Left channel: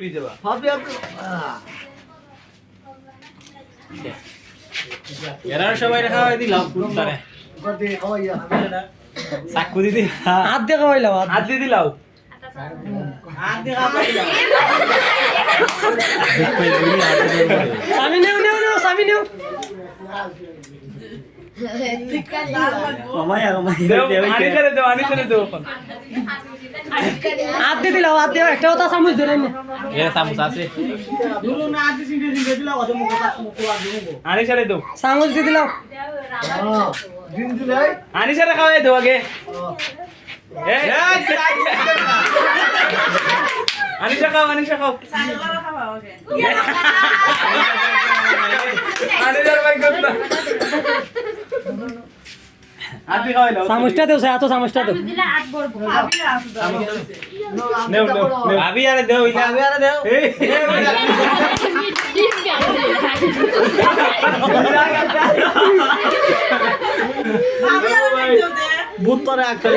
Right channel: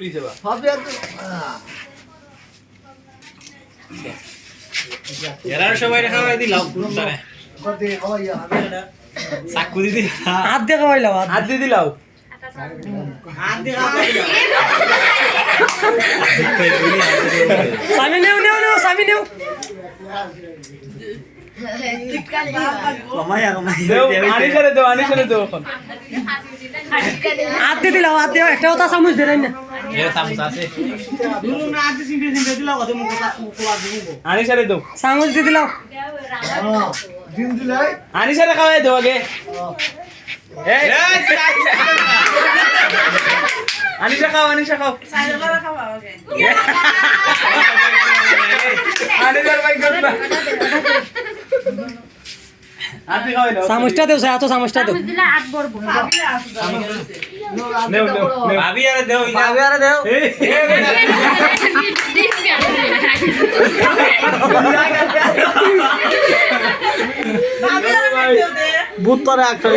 পুরি যাবা হবে এরা সবাই খাওয়াই দিলাম তারে কত খাওয়াইয়া চাকু দিদি হাত দিয়ে খাওয়াইলাম হাত দিয়ে দিলাও স্বামী নেও নেও নেও স্বামী নেও আনিসারে দেও এখন হাত দিয়ে দিলাম হাত দিয়ে একটা ওটা চামচ দিলেন না এরা চামচ আছে আনিসারে দেও চামচ দিয়ে দিলাম দিন দিলাই আনিসারে খাওয়াই দেও আগে আনিসা খাও আনিসা খাও আতি খাওয়াই দাও চামচটা দেও এত চামচটা দেও নেও নেও ভাবি আরে দেও ভাবি আরে দেও ভূত করে একটা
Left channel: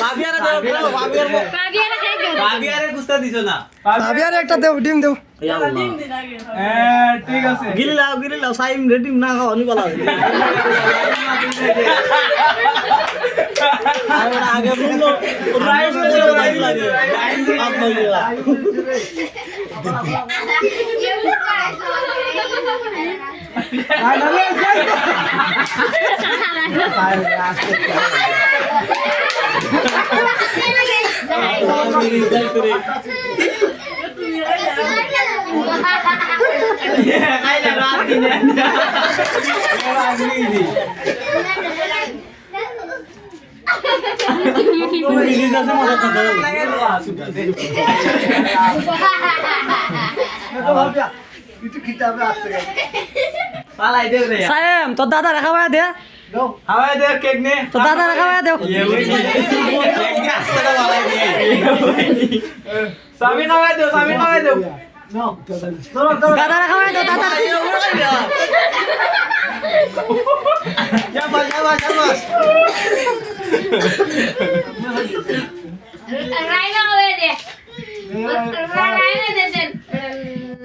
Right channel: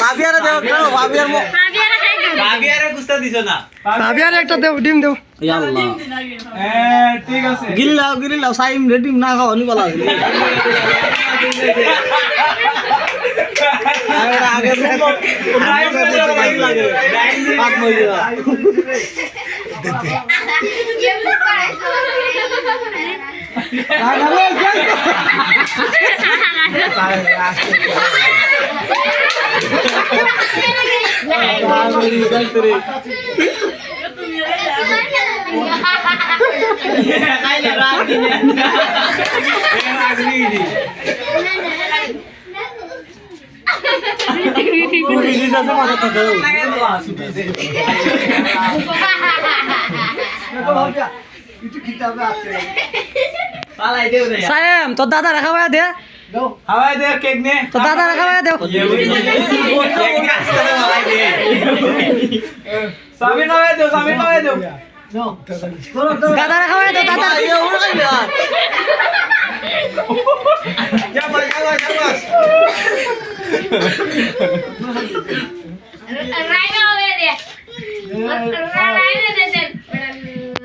ভাবিয়ারে দেও ভাবিয়ার মুখ ভাবি আরে গুস্তা দিছো না ভাবি আর একটা দেও ডিম দেও ঠিক আছে গিলি লাও সাইম রেডিং না খাও অনি বলা আগে সায়েম তোর দাদা রাখাবা দে হাওয়াই দে কেক নে তোর দাদা রাখাবা দেও সামি খাওয়াই দেও সামি খাওয়াই দেও দাদা রাখাবা দেও দাদা যা ভাই যা ভাই